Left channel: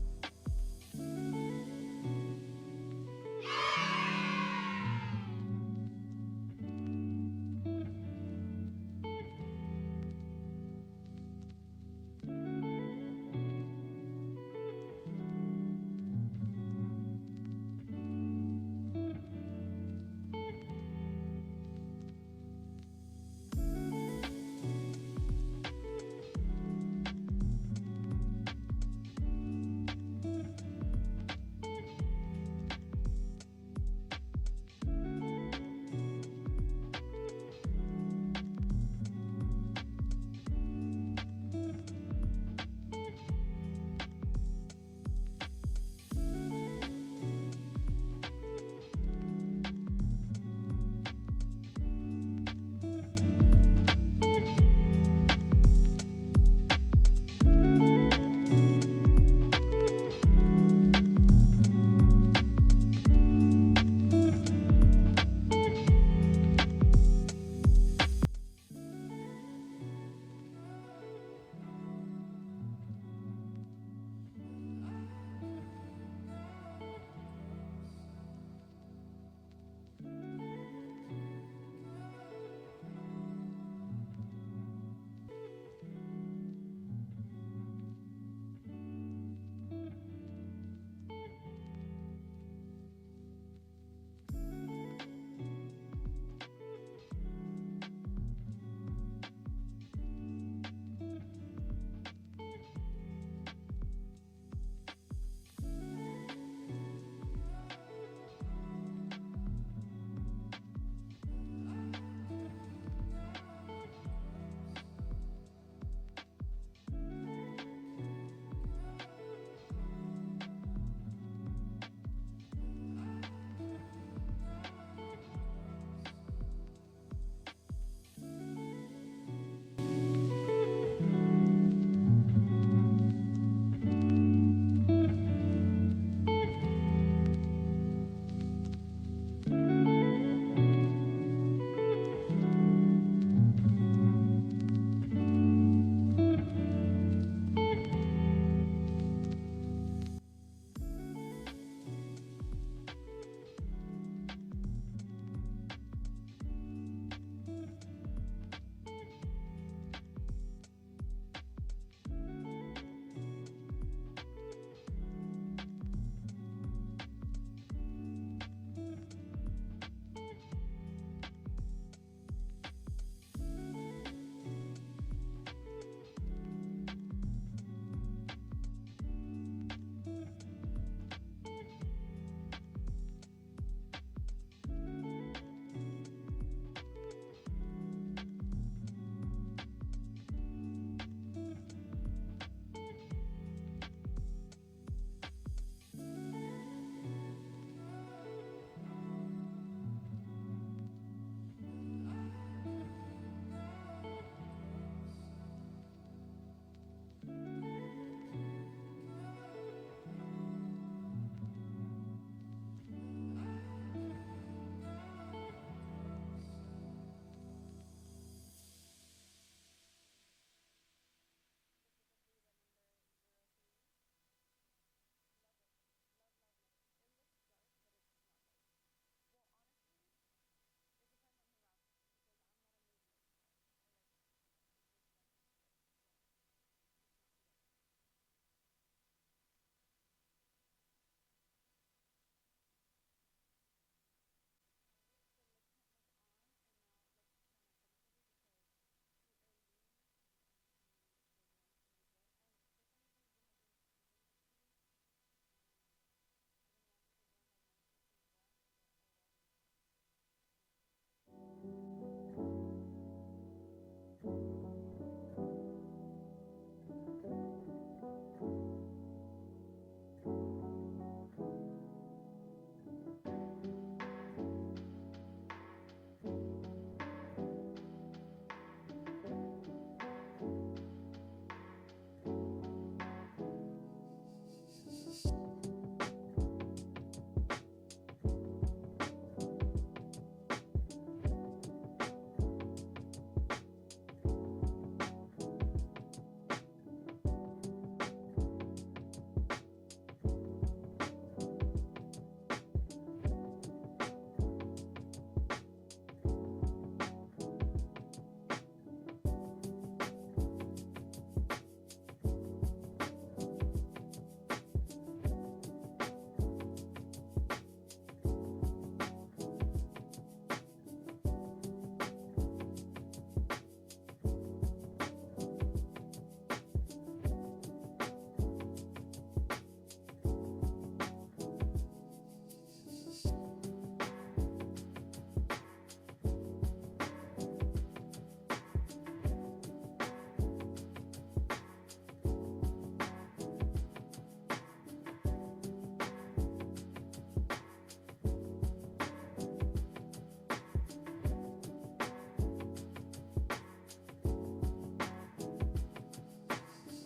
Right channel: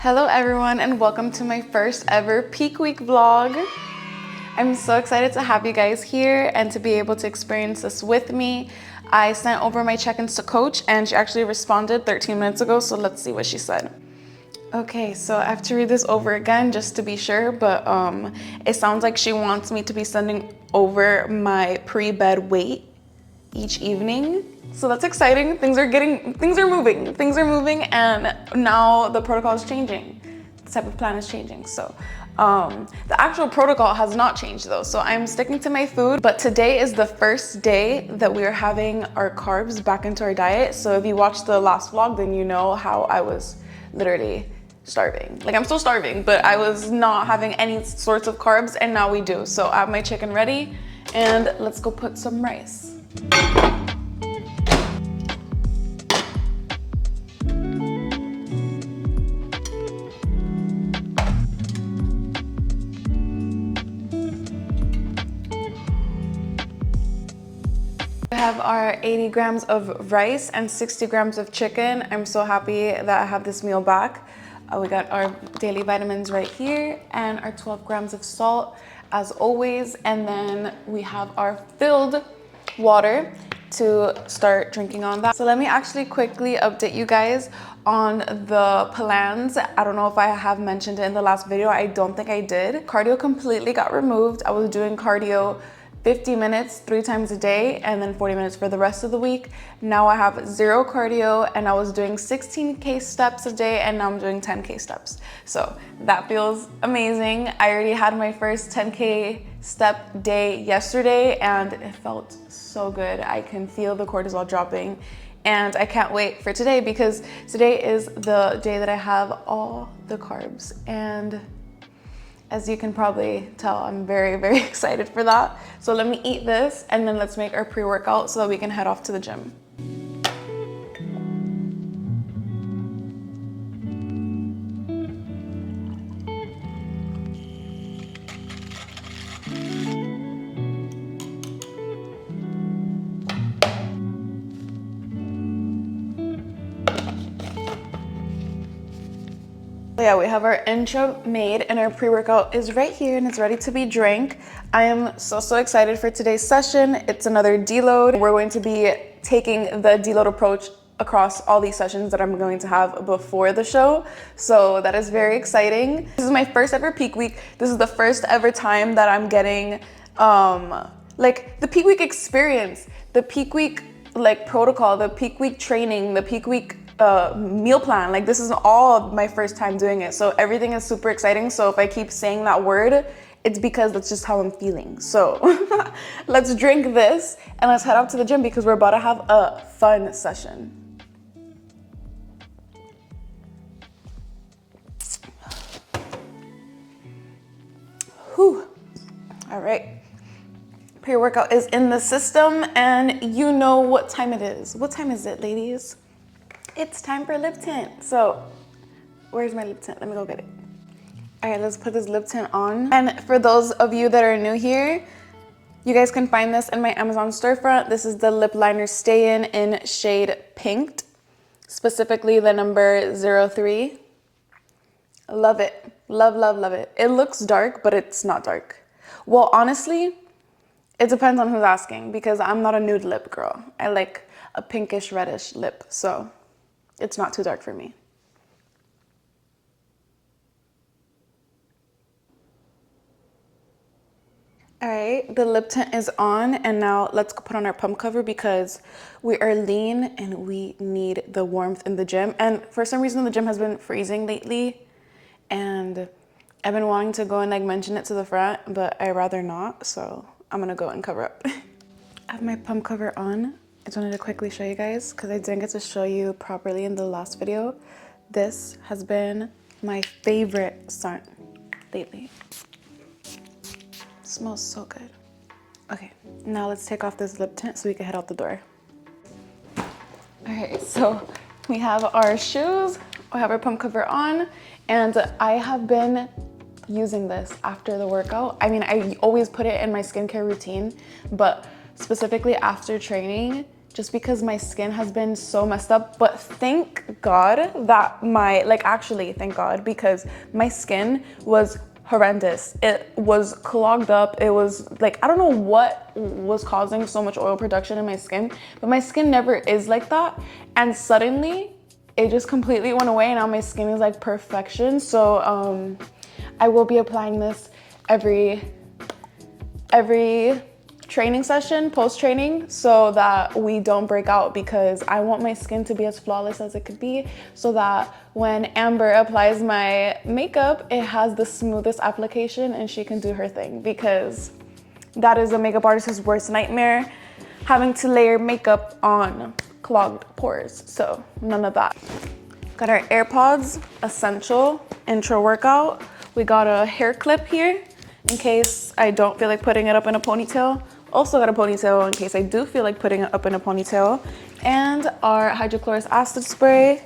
Hello everyone and welcome to my first ever peak week vlog. I'm so excited to have you guys here and to be able to experience this with me. I sent over my check-ins to Coach and she actually responded 13 minutes ago, so let's see what she said. Okay, so I have to read this over again just to be sure, but it sounds like she wants me to be sending over my pre-bed weight each evening. So that's exciting. Things are moving, and now the protocol is changing. The type of plan is changing. So the actual protocol has not changed though. So I'm sticking to my food, but today is the first day that we are having our carbs back into our diet. So if you watched the last vlog, then you know how I was literally starving. Like I'm still starving, but I was not having any sorts of carbs, and now we do. So I have my chicken ready and let's go put some rice. We have our 80 grams of rice and 60 grams of chicken. I'm so happy that I have this meal back. We got our daily vitamins right here and our 12 grams of salt as always. And then we have our filled water to start drinking on that. So let me actually quickly update you guys on the plans. I don't know if I have mentioned it in the last video. I don't think I did. Cardio completely got removed. I was doing cardio 50 minutes 3 times a day and then 40 minutes for the rest of the week. Now I have 0 cardio and I was doing 16K steps a day and now I'm doing 10K steps. So that feels amazing. I already had my first 10K step day yesterday and it felt so good. I can feel the cortisol dropping and I can't wait for today because today is the day that I have all the carbs, and as you can probably tell, I'm very, very excited for that. So let me eat this and then let's make our pre-workout so that we can head off to the gym. Yeah, we have our intro made and our pre-workout is right here and it's ready to be drank. I am so excited for today's session. It's another deload. We're going to be taking the deload approach across all these sessions that I'm going to have before the show. So that is very exciting. This is my first ever peak week. This is the first ever time that I'm getting like the peak week experience, the peak week like protocol, the peak week training, the peak week meal plan. Like this is all my first time doing it. So everything is super exciting. So if I keep saying that word, it's because that's just how I'm feeling. So let's drink this and let's head out to the gym because we're about to have a fun session. Whew. All right. Pre-workout is in the system and you know what time it is. What time is it, ladies? It's time for lip tint. So where's my lip tint? Let me go get it. All right, let's put this lip tint on. And for those of you that are new here, you guys can find this in my Amazon storefront. This is the lip liner Stay in shade Pinked, specifically the number 03. Love it. Love it. It looks dark, but it's not dark. Well, honestly, it depends on who's asking because I'm not a nude lip girl. I like a pinkish reddish lip, so it's not too dark for me. All right, the lip tint is on and now let's put on our pump cover because we are lean and we need the warmth in the gym. And for some reason, the gym has been freezing lately and I've been wanting to go and like mention it to the front, but I'd rather not. So I'm gonna go and cover up. I have my pump cover on. I just wanted to quickly show you guys because I didn't get to show you properly in the last video. This has been my favorite scent lately. It smells so good. Okay, now let's take off this lip tint so we can head out the door. All right, so we have our shoes, we have our pump cover on, and I have been using this after the workout. I mean, I always put it in my skincare routine, but specifically after training, just because my skin has been so messed up. But thank God that actually thank God, because my skin was horrendous. It was clogged up. It was like, I don't know what was causing so much oil production in my skin, but my skin never is like that. And suddenly it just completely went away, and now my skin is like perfection. So I will be applying this every training session, post-training, so that we don't break out, because I want my skin to be as flawless as it could be, so that when Amber applies my makeup, it has the smoothest application and she can do her thing, because that is a makeup artist's worst nightmare, having to layer makeup on clogged pores. So none of that. Got our AirPods, essential intro workout. We got a hair clip here in case I don't feel like putting it up in a ponytail. Also got a ponytail in case I do feel like putting it up in a ponytail. And our hydrochloric acid spray.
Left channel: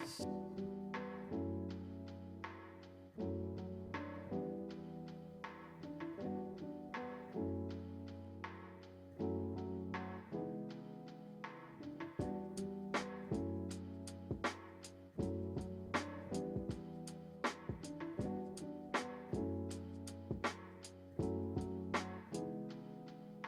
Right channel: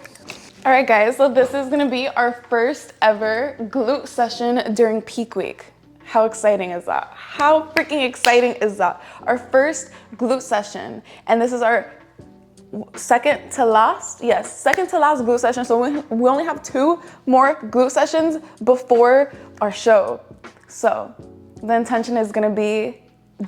All right guys, so this is gonna be our first ever glute session during peak week. How exciting is that? How freaking exciting is that? Our first glute session. And this is our second to last glute session. So we only have 2 more glute sessions before our show. So the intention is gonna be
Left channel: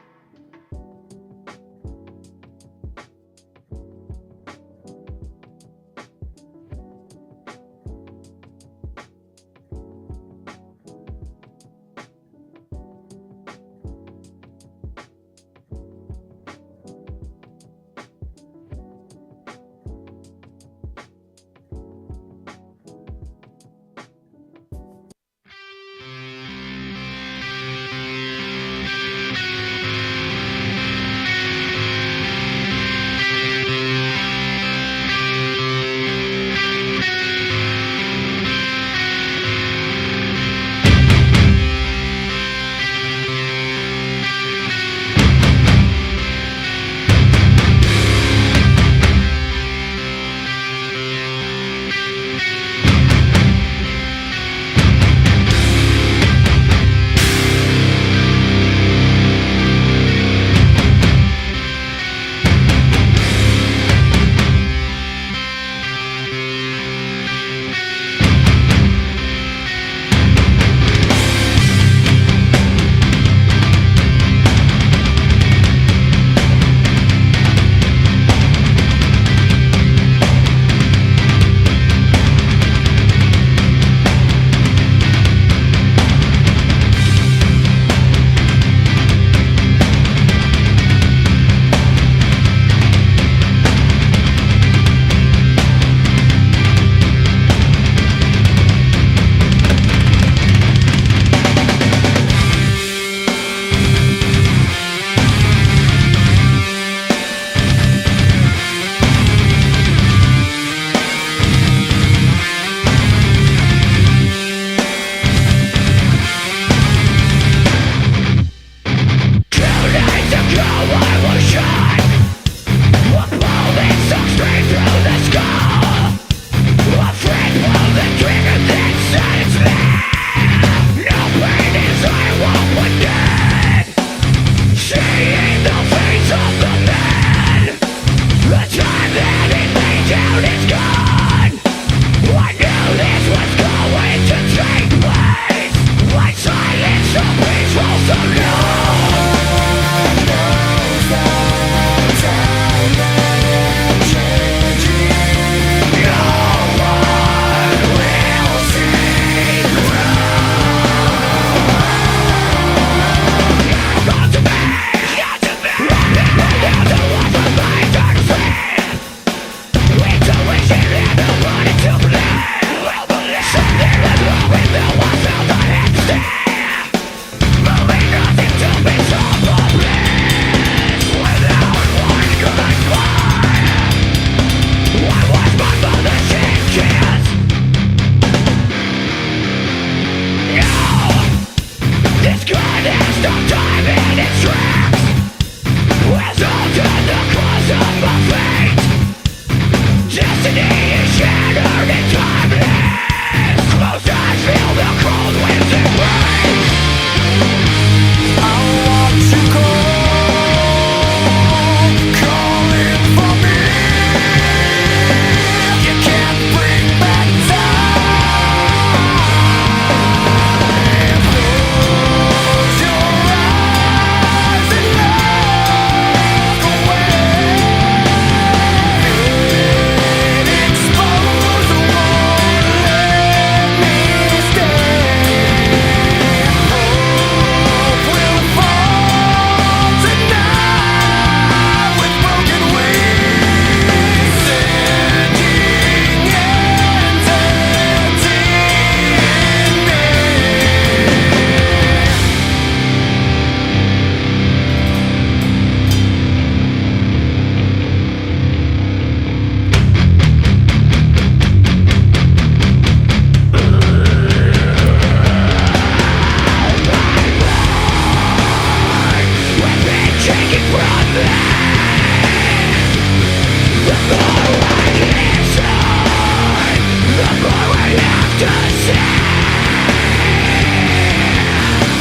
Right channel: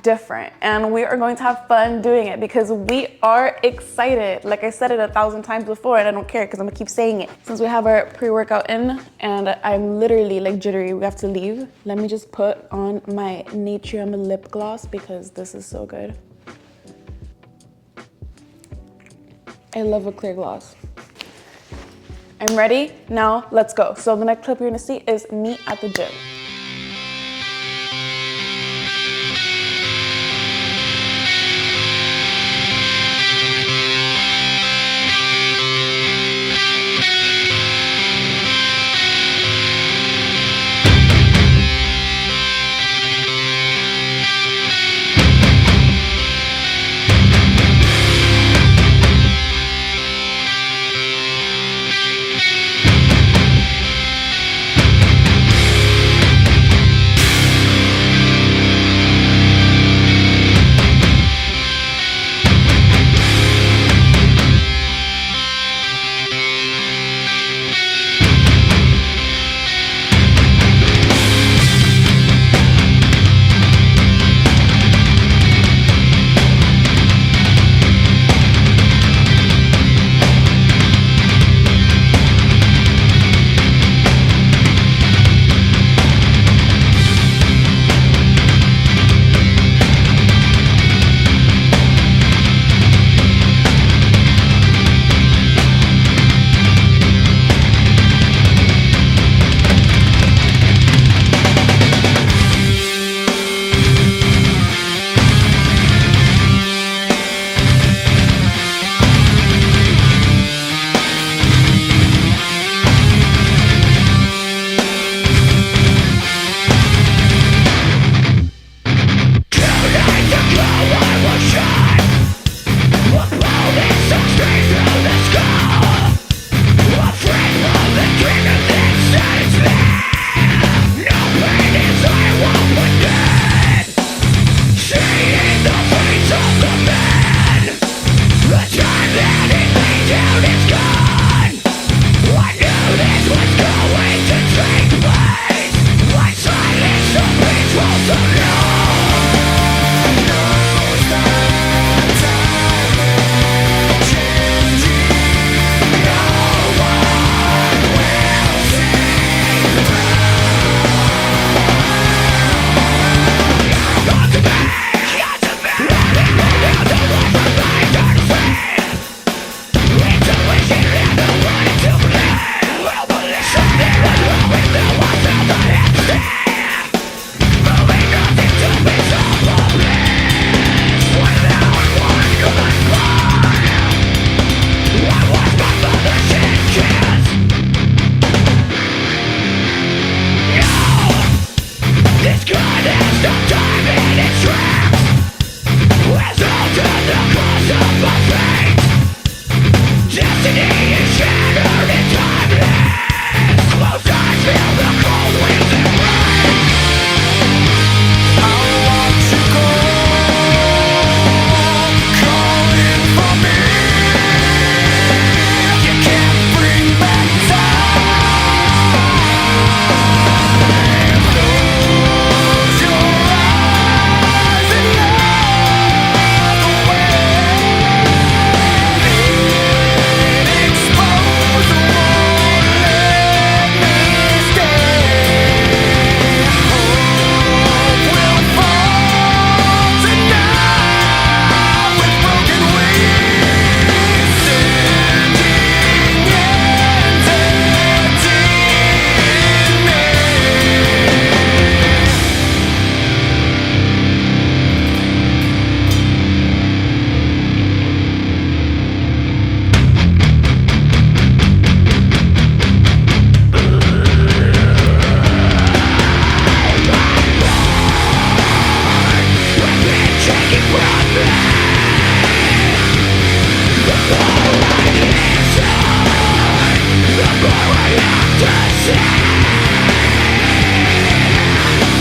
different, and we are going to have fun doing it because we are excited. Like I said it 1,000 times before, and I don't care because I'm gonna keep saying it. Since we have our pre-workout in and I'm literally like jittery, we have to leave. Let me just put on my Natrium lip gloss because this is so good. I love a clear gloss. I'm ready, now let's go. So the next clip you're gonna see is me at the gym.